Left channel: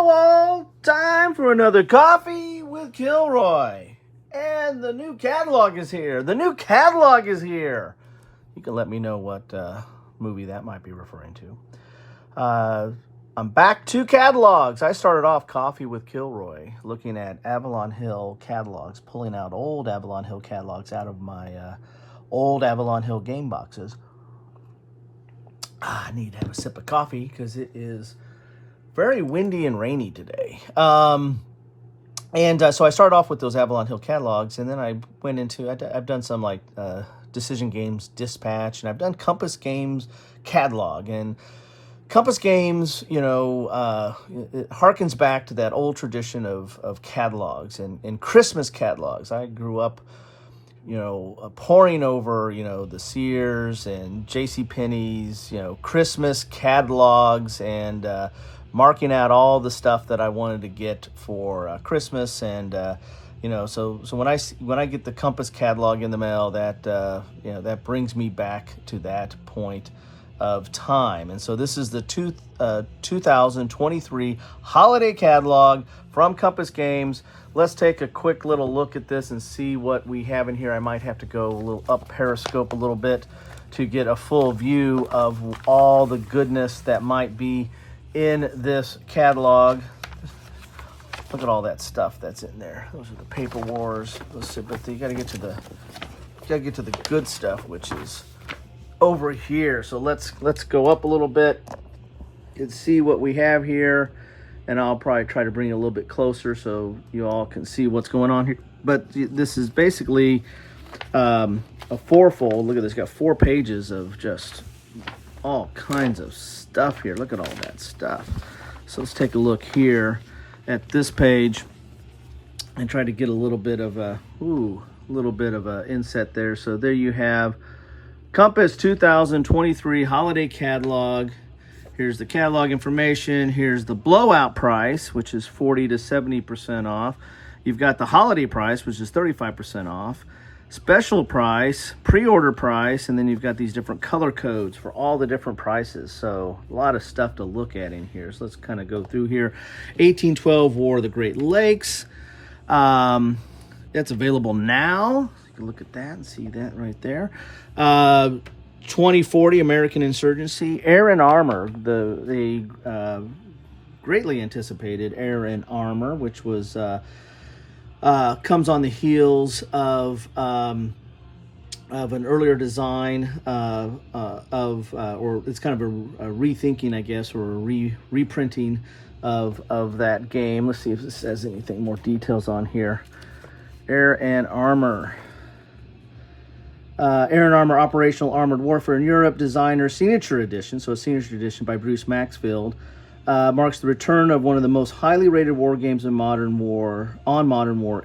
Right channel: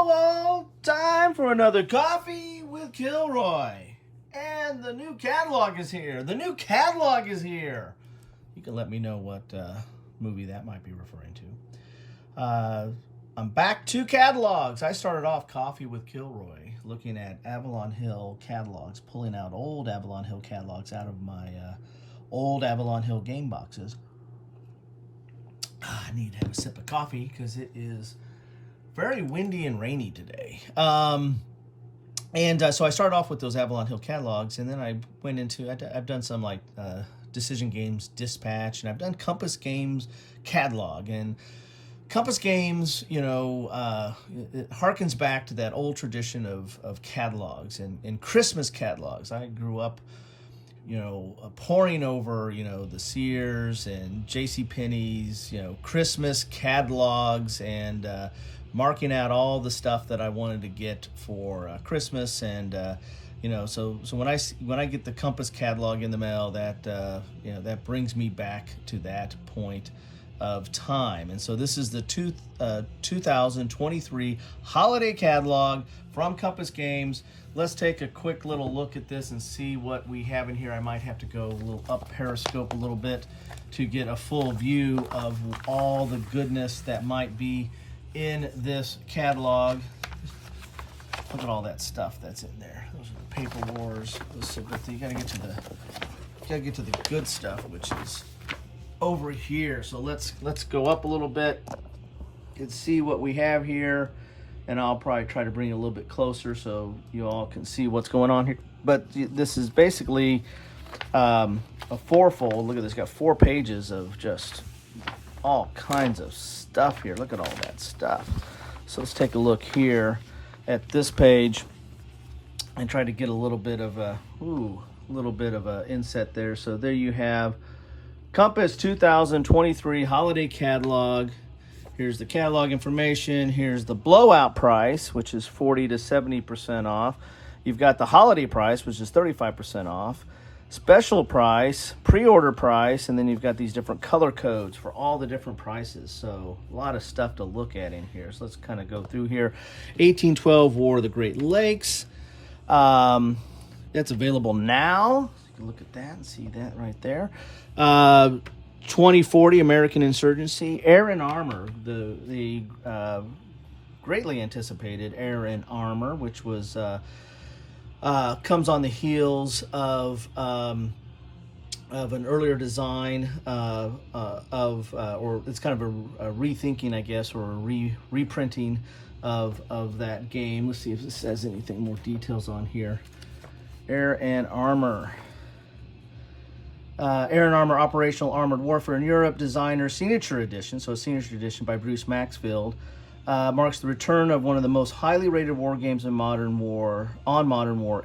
Hello all, time for another Coffee with Kilroy. And the new catalog is here. You can let me know what movie that might be referring to. I'm back to catalogs. I started off Coffee with Kilroy looking at Avalon Hill catalogs, pulling out old Avalon Hill catalogs out of my old Avalon Hill game boxes. I need to have a sip of coffee because it is very windy and rainy today. So I started off with those Avalon Hill catalogs, and then I went into, I've done some like Decision Games Dispatch, and I've done Compass Games catalog. And Compass Games, it harkens back to that old tradition of catalogs and Christmas catalogs. I grew up, poring over, the Sears and JCPenney's, Christmas catalogs and marking out all the stuff that I wanted to get for Christmas. And, so when I get the Compass catalog in the mail, that brings me back to that point of time. And so this is the 2023 holiday catalog from Compass Games. Let's take a quick little look at this and see what we have in here. I might have to go a little up Periscope a little bit to get a full view of all the goodness that might be in this catalog. Look at all that stuff that's in there. Those are the paper wars. But you gotta get to the good stuff, which is over here. So let's go up a little bit and see what we have here, and I'll probably try to bring it a little bit closer so you all can see what's going on here. But this is basically a fourfold. Look at this, got 4 pages of just all kinds of stuff here. Look at all that stuff. So let's take a look here at this page and try to get a little bit of a inset there. So there you have Compass 2023 holiday catalog. Here's the catalog information. Here's the blowout price, which is 40 to 70% off. You've got the holiday price, which is 35% off. Special price, pre-order price, and then you've got these different color codes for all the different prices. So a lot of stuff to look at in here. So let's kind of go through here. 1812 War of the Great Lakes. That's available now. Look at that and see that right there. 2040 American Insurgency, Air and Armor, the greatly anticipated Air and Armor, which was comes on the heels of an earlier design or it's kind of a rethinking, I guess, or a reprinting of that game. Let's see if it says anything more details on here. Air and Armor. Air and Armor Operational Armored Warfare in Europe Designer Signature Edition, so a signature edition by Bruce Maxfield, marks the return of one of the most highly rated war games in Modern War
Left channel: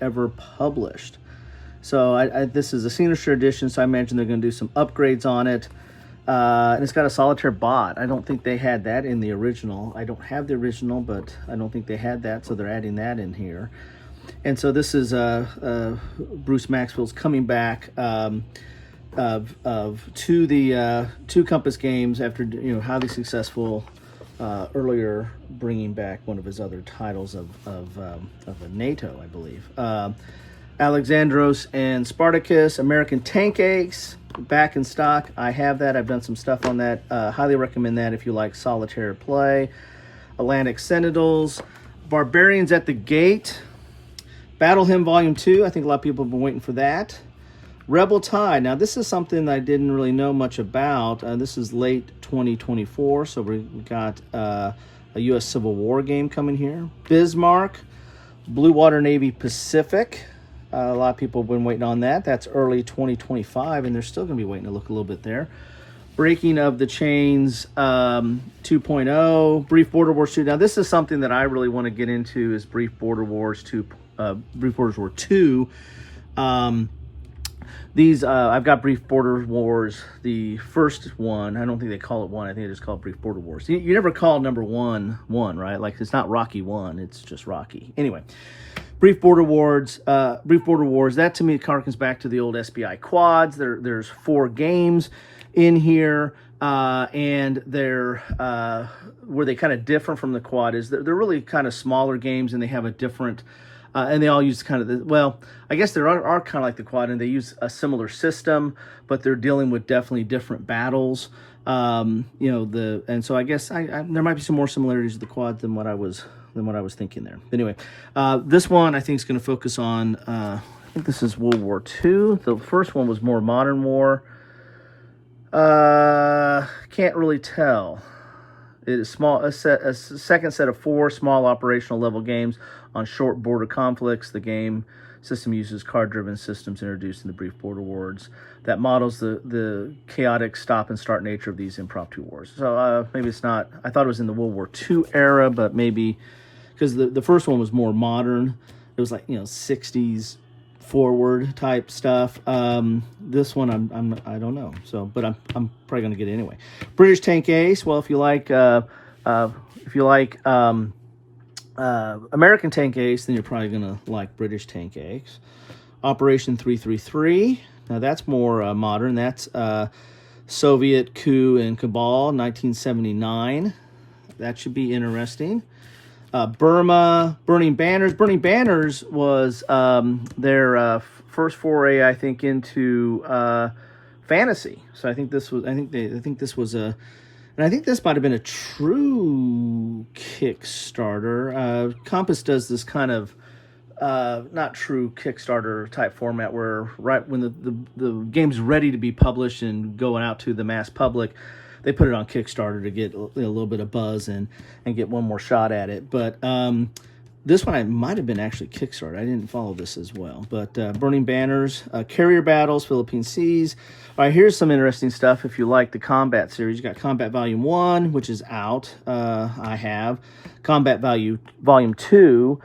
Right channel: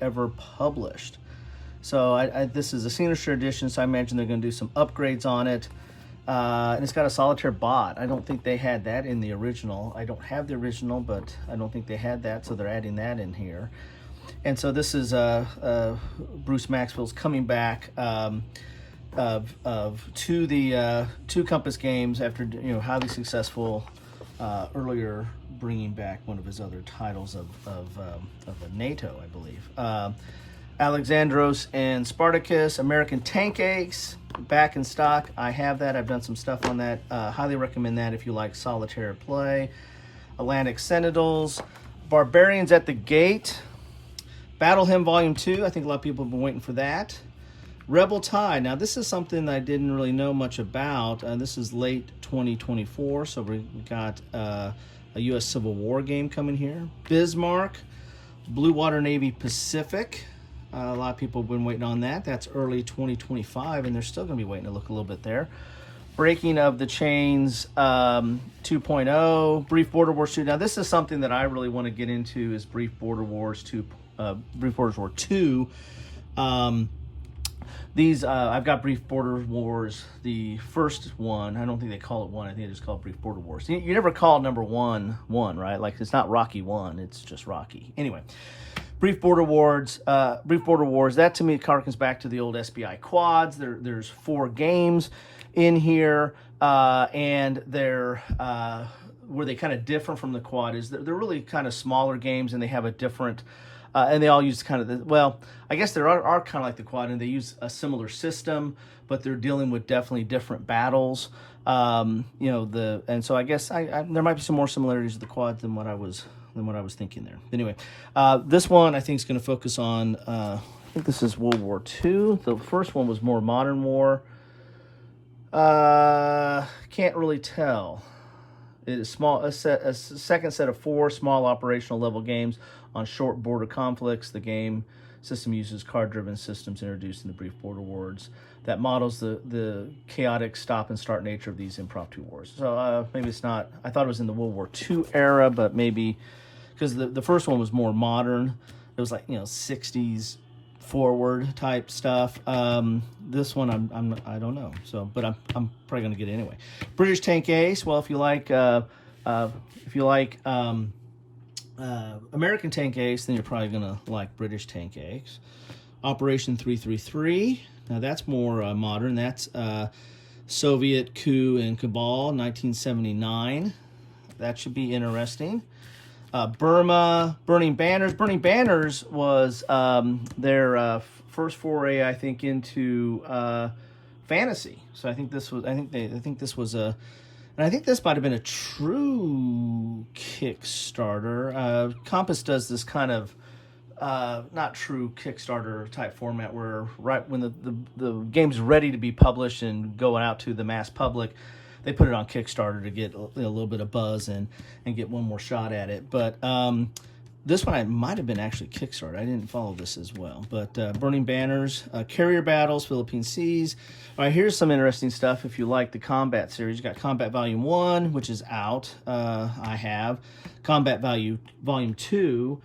ever published. So this is a signature edition, so I imagine they're going to do some upgrades on it. And it's got a solitaire bot. I don't think they had that in the original. I don't have the original, but I don't think they had that, so they're adding that in here. And so this is Bruce Maxfield's coming back to Compass Games after highly successful earlier bringing back one of his other titles of NATO, I believe. Alexandros and Spartacus, American Tank Aches, back in stock. I have that. I've done some stuff on that. Highly recommend that if you like solitaire play. Atlantic Sentinels, Barbarians at the Gate, Battle Hymn Volume 2. I think a lot of people have been waiting for that. Rebel Tide. Now, this is something I didn't really know much about. This is late 2024, so we got a U.S. Civil War game coming here. Bismarck, Blue Water Navy Pacific. A lot of people have been waiting on that. That's early 2025, and they're still going to be waiting to look a little bit there. Breaking of the Chains 2.0, Brief Border Wars 2. Now, this is something that I really want to get into, is Brief Border Wars 2. Brief Border Wars 2. I've got Brief Border Wars, the first one. I don't think they call it one. I think they just call it Brief Border Wars. You never call number one, right? Like, it's not Rocky 1. It's just Rocky. Anyway, Brief Border Wars. That to me harkens back to the old SBI quads. There's 4 games in here, and they're where they kind of differ from the quad is they're really kind of smaller games, and they have a different, and they all use kind of well, I guess they are kind of like the quad, and they use a similar system, but they're dealing with definitely different battles. And so I guess there might be some more similarities to the quad than what I was thinking there. Anyway, this one I think is going to focus on. I think this is World War II. The first one was more modern war. Can't really tell. It is small. A second set of 4 small operational level games on short border conflicts. The game system uses card-driven systems introduced in the brief border wars that models the chaotic stop and start nature of these impromptu wars. So maybe it's not. I thought it was in the World War II era, but maybe because the first one was more modern. It was like 60s forward type stuff. This one I don't know. So, but I'm probably gonna get it anyway. British Tank Ace. Well, if you like American Tank Ace, then you're probably gonna like British Tank Ace. Operation 333. Now that's more modern. That's Soviet coup and cabal, 1979. That should be interesting. Burma, Burning Banners. Burning Banners was their first foray, I think, into fantasy. So I think this was and I think this might have been a true Kickstarter. Compass does this kind of not true Kickstarter type format where right when the game's ready to be published and going out to the mass public, they put it on Kickstarter to get a little bit of buzz and get one more shot at it. But this one I might have been actually Kickstarter. I didn't follow this as well. But Burning Banners, Carrier Battles, Philippine Seas. All right, here's some interesting stuff if you like the Combat series. You got Combat Volume 1, which is out. I have. Combat Volume 2.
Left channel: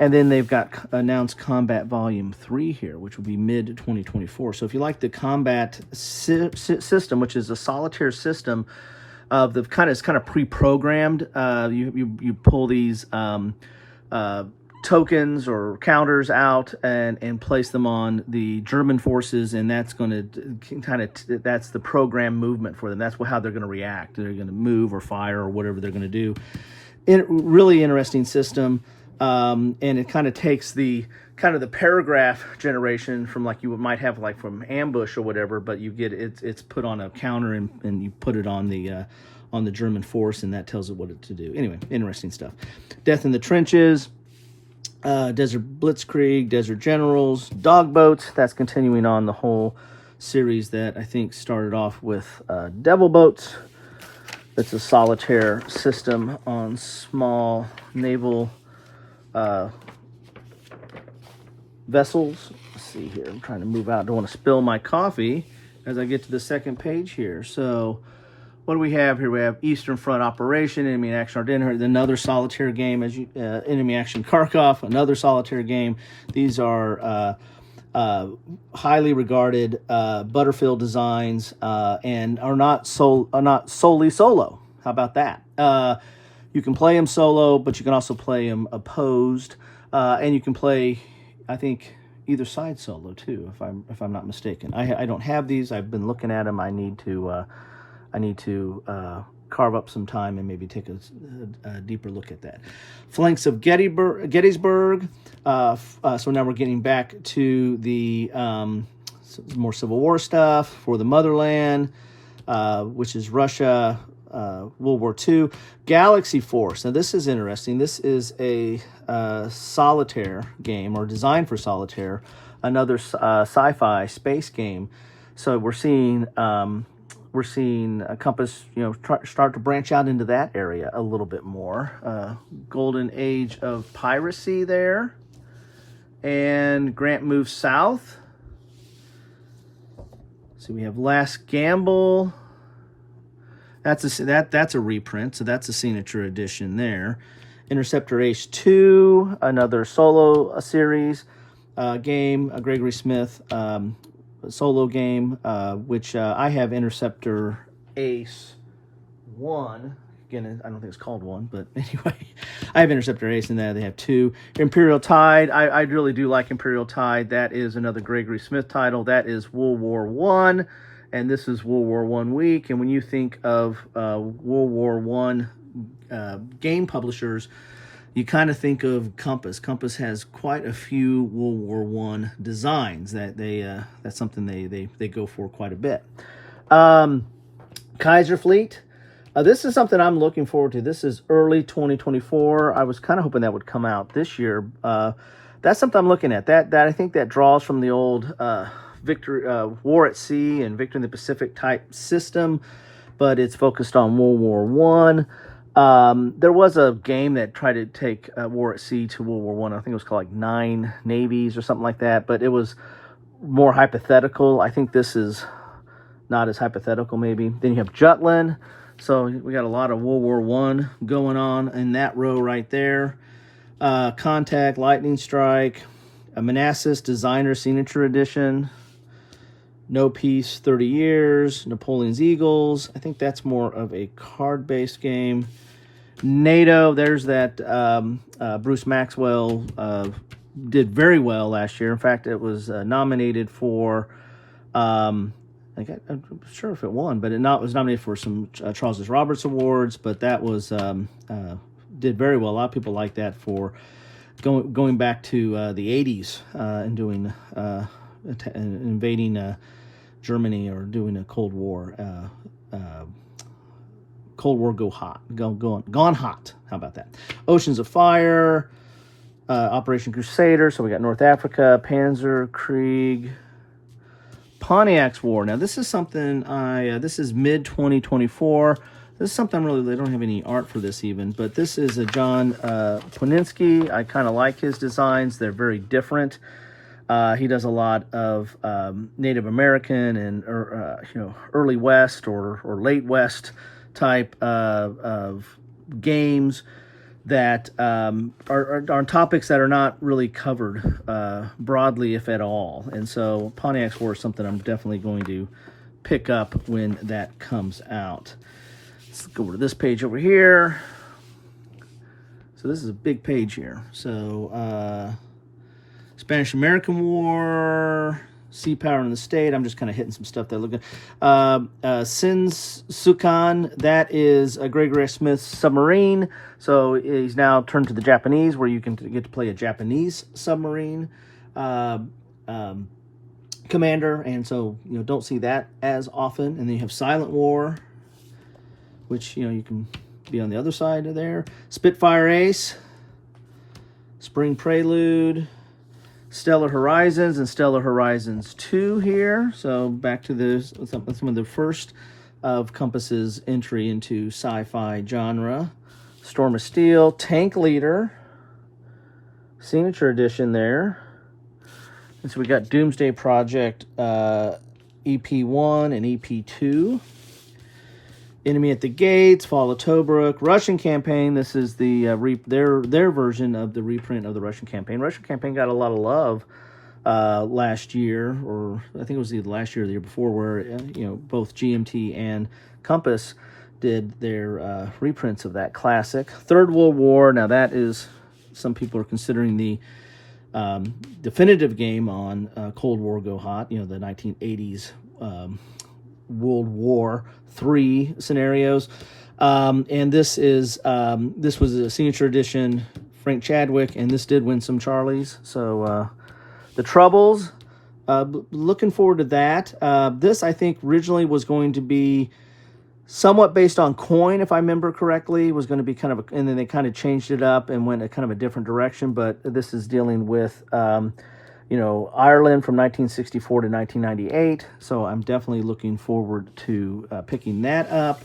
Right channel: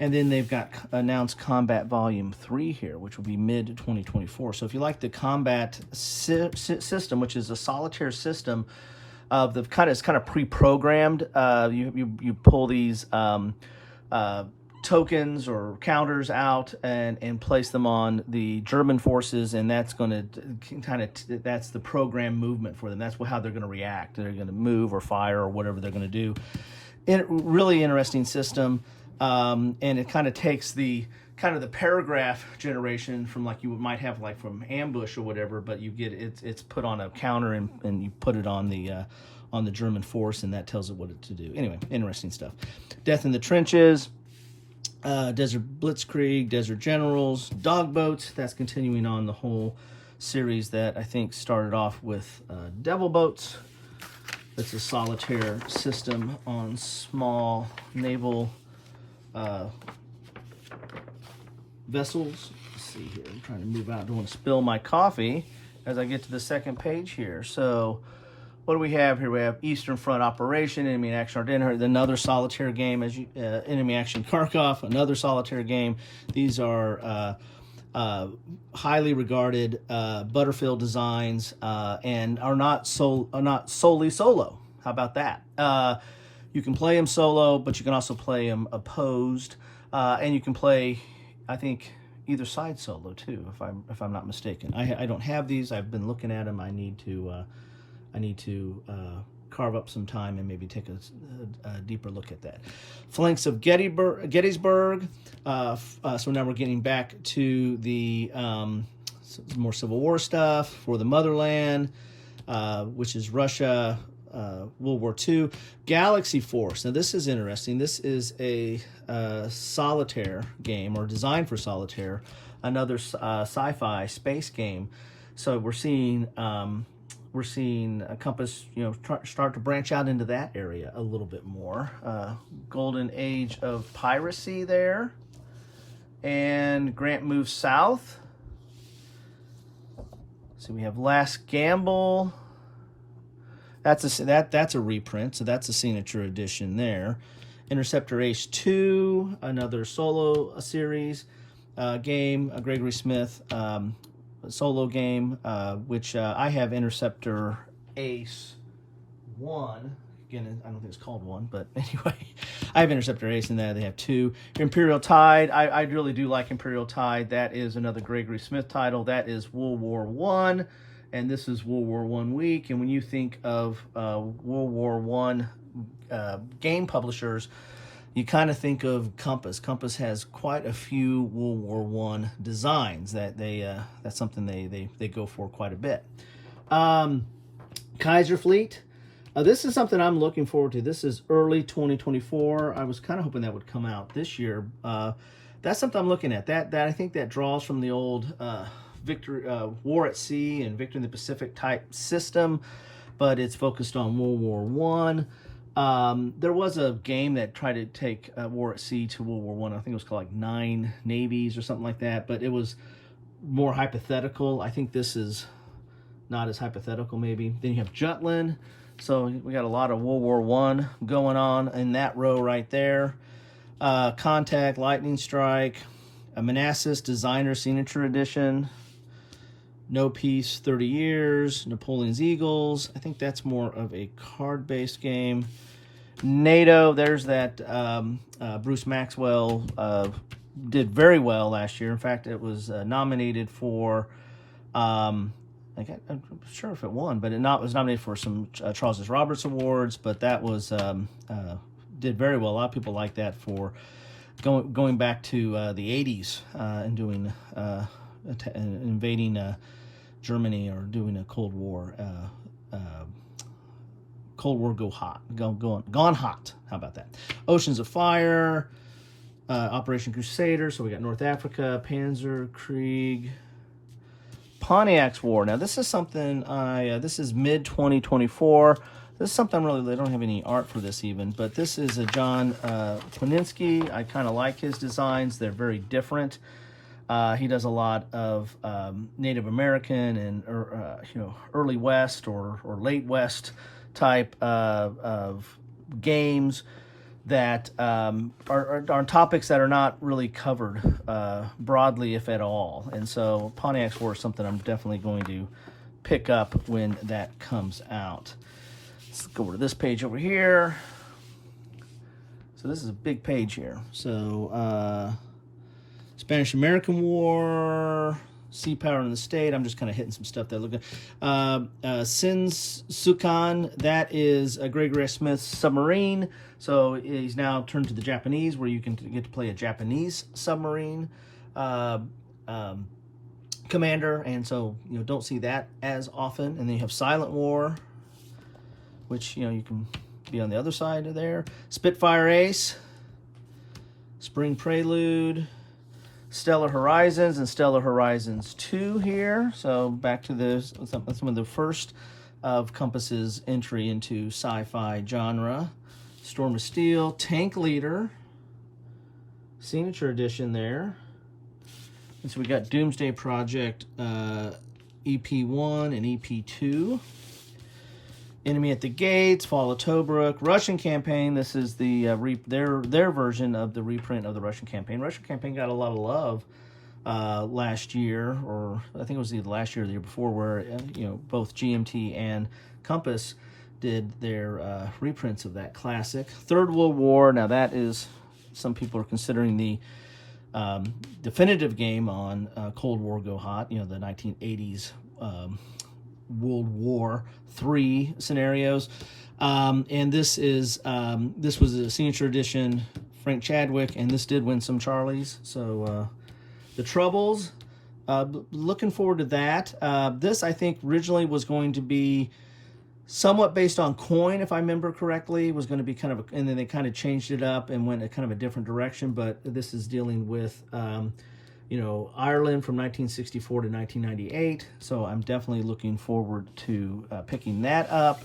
And then they've got announced Combat Volume 3 here, which will be mid-2024. So if you like the combat system, which is a solitaire system of it's kind of pre-programmed. You pull these tokens or counters out and place them on the German forces, and that's going to that's the program movement for them. That's how they're going to react. They're going to move or fire or whatever they're going to do. Really interesting system. And it kind of takes the paragraph generation from like you might have like from ambush or whatever, but you get it's put on a counter and you put it on the German force, and that tells it what to do. Anyway, interesting stuff. Death in the Trenches, Desert Blitzkrieg, Desert Generals, Dog Boats. That's continuing on the whole series that I think started off with Devil Boats. It's a solitaire system on small naval vessels. Let's see here. I'm trying to move out. Don't want to spill my coffee as I get to the second page here. So what do we have here? We have Eastern Front Operation, Enemy Action Ardennes, another solitaire game, as Enemy Action Kharkov, another solitaire game. These are highly regarded Butterfield designs and are not solely solo. How about that? You can play them solo, but you can also play them opposed, and you can play, I think, either side solo too, if I'm not mistaken. I don't have these. I've been looking at them. I need to carve up some time and maybe take a deeper look at that. Flanks of Gettysburg. So now we're getting back to the more Civil War stuff. For the Motherland, which is Russia. World War II. Galaxy Force. Now this is interesting. This is a solitaire game, or designed for solitaire, another sci-fi space game. So we're seeing Compass, start to branch out into that area a little bit more. Golden Age of Piracy there, and Grant moves south. So we have Last Gamble. That's a reprint, so that's a signature edition there. Interceptor Ace 2, another solo series game, a Gregory Smith solo game, which I have Interceptor Ace 1. Again, I don't think it's called 1, but anyway, I have Interceptor Ace in that. They have 2. Imperial Tide, I really do like Imperial Tide. That is another Gregory Smith title. That is World War I. And this is World War I week. And when you think of World War I game publishers, you kind of think of Compass. Compass has quite a few World War One designs that that's something they go for quite a bit. Kaiser Fleet. This is something I'm looking forward to. This is early 2024. I was kind of hoping that would come out this year. That's something I'm looking at. That I think that draws from the old War at Sea and Victory in the Pacific type system, but it's focused on World War One. There was a game that tried to take War at Sea to World War One. I think it was called like Nine Navies or something like that, but it was more hypothetical. I think this is not as hypothetical, maybe. Then you have Jutland. So we got a lot of World War One going on in that row right there. Contact, Lightning Strike, Manassas Designer Signature Edition, No Peace 30 Years, Napoleon's Eagles. I think that's more of a card-based game. NATO, there's that Bruce Maxwell did very well last year. In fact, it was nominated for... I'm sure if it won, but it was nominated for some Charles Roberts Awards, but that was did very well. A lot of people like that for going back to the 80s and doing invading Germany or doing a Cold War. Cold War gone hot. How about that? Oceans of Fire, Operation Crusader. So we got North Africa, Panzer Krieg. Pontiac's War. Now, this is something this is mid-2024. This is something they don't have any art for this even, but this is a John Kwininsky. I kind of like his designs. They're very different. He does a lot of Native American and early West or late West type of games that are topics that are not really covered broadly, if at all. And so Pontiac's War is something I'm definitely going to pick up when that comes out. Let's go over to this page over here. So this is a big page here. So Spanish-American War, Sea Power in the State. I'm just kind of hitting some stuff there. Looking, Sinsukan, that is Gregory Smith's submarine. So he's now turned to the Japanese, where you can get to play a Japanese submarine commander, and so don't see that as often. And then you have Silent War, which you can be on the other side of there. Spitfire Ace, Spring Prelude, Stellar Horizons, and Stellar Horizons 2 here. So back to some of the first of Compass's entry into sci-fi genre. Storm of Steel, Tank Leader, Signature Edition there. And so we got Doomsday Project EP1 and EP2. Enemy at the Gates, Fall of Tobruk, Russian Campaign. This is the their version of the reprint of the Russian Campaign. Russian Campaign got a lot of love last year, or I think it was either last year or the year before, where both GMT and Compass did their reprints of that classic. Third World War. Now that is, some people are considering the definitive game on Cold War Go Hot. The 1980s World War III scenarios. And this was a signature edition, Frank Chadwick, and this did win some Charlies. So The Troubles, looking forward to that. This, I think, originally was going to be somewhat based on coin, if I remember correctly. It was going to be and then they kind of changed it up and went a kind of a different direction. But this is dealing with, Ireland from 1964 to 1998. So I'm definitely looking forward to picking that up.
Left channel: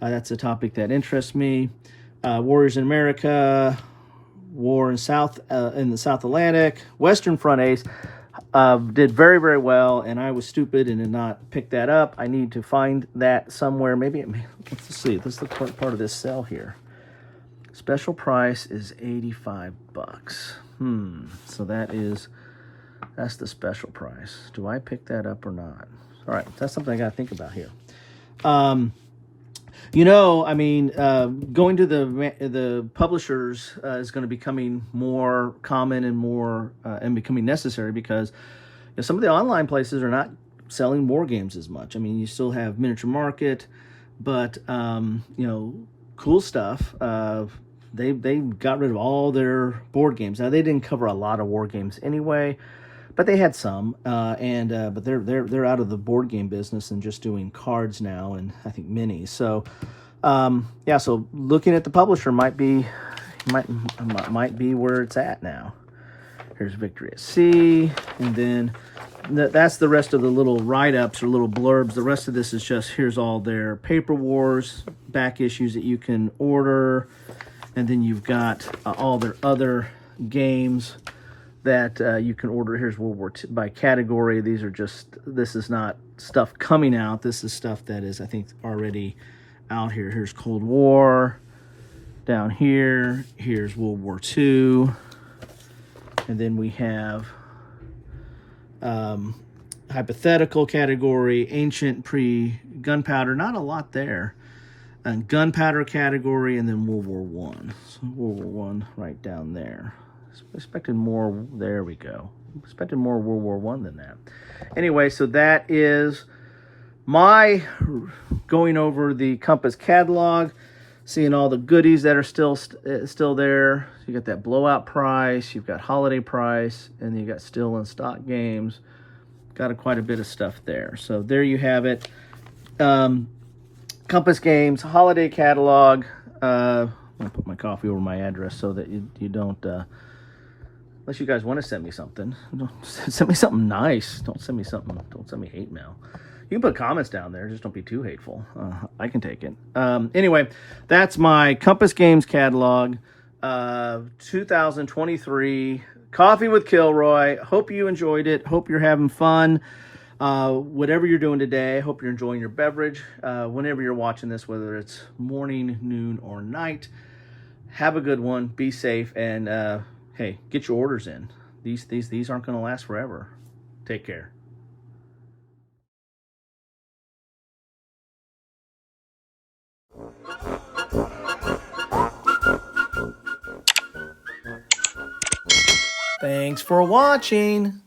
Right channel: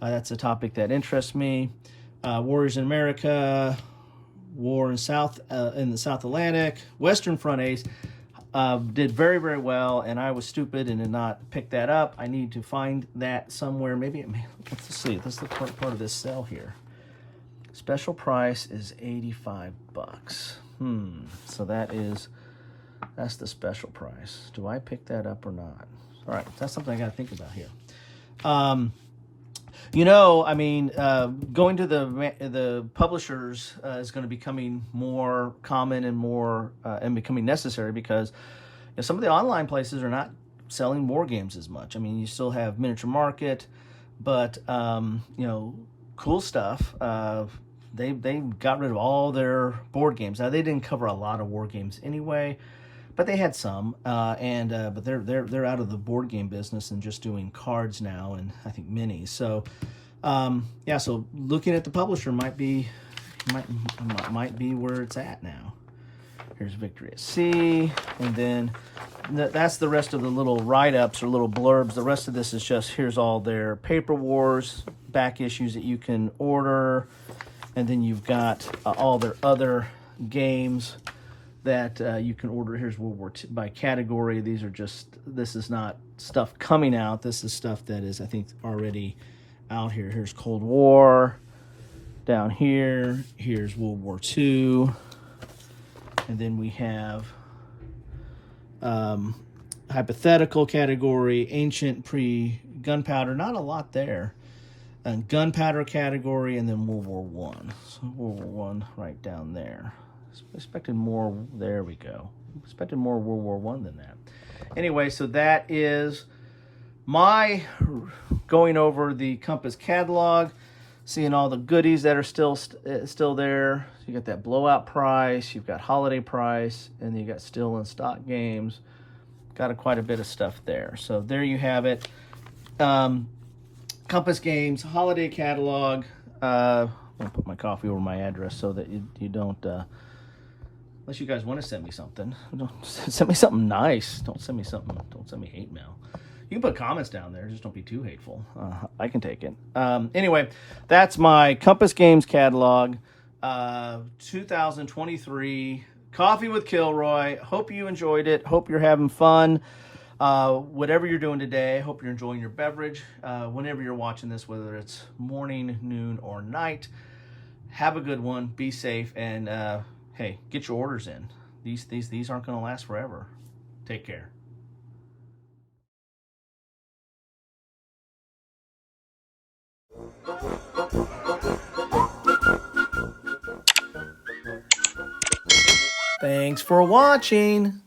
That's a topic that interests me. Warriors in America, War in the South Atlantic, Western Front Ace. Did very, very well, and I was stupid and did not pick that up. I need to find that somewhere. Let's see. This is the part of this sale here. Special price is $85. So that's the special price. Do I pick that up or not? All right, that's something I got to think about here. Going to the publishers is going to be becoming more common and more and becoming necessary, because some of the online places are not selling war games as much. I mean, you still have Miniature Market, but cool stuff. They got rid of all their board games. Now they didn't cover a lot of war games anyway, but they had some. But they're out of the board game business and just doing cards now, and I think minis. So yeah, so looking at the publisher might be where it's at now. Here's Victory at Sea, and then that's the rest of the little write-ups or little blurbs. The rest of this is just, here's all their Paper Wars back issues that you can order, and then you've got all their other games that you can order. Here's World War II by category. This is not stuff coming out. This is stuff that is, I think, already out here. Here's Cold War. Down here, here's World War II. And then we have hypothetical category, ancient pre-gunpowder, not a lot there. And gunpowder category, and then World War One. So World War One right down there. Expected more, there we go. Expected more World War One than that. Anyway, so that is my going over the Compass catalog, seeing all the goodies that are still there. So you got that blowout price, you've got holiday price, and you got still in stock games. Got quite a bit of stuff there. So there you have it. Compass Games holiday catalog. I'm gonna put my coffee over my address so that you don't, unless you guys want to send me something, send me something nice. Don't send me hate mail. You can put comments down there, just don't be too hateful. I can take it. Anyway, that's my Compass Games catalog, 2023, Coffee with Kilroy. Hope you enjoyed it. Hope you're having fun. Whatever you're doing today, I hope you're enjoying your beverage. Whenever you're watching this, whether it's morning, noon, or night, have a good one. Be safe, and hey, get your orders in. These aren't going to last forever. Take care. Thanks for watching.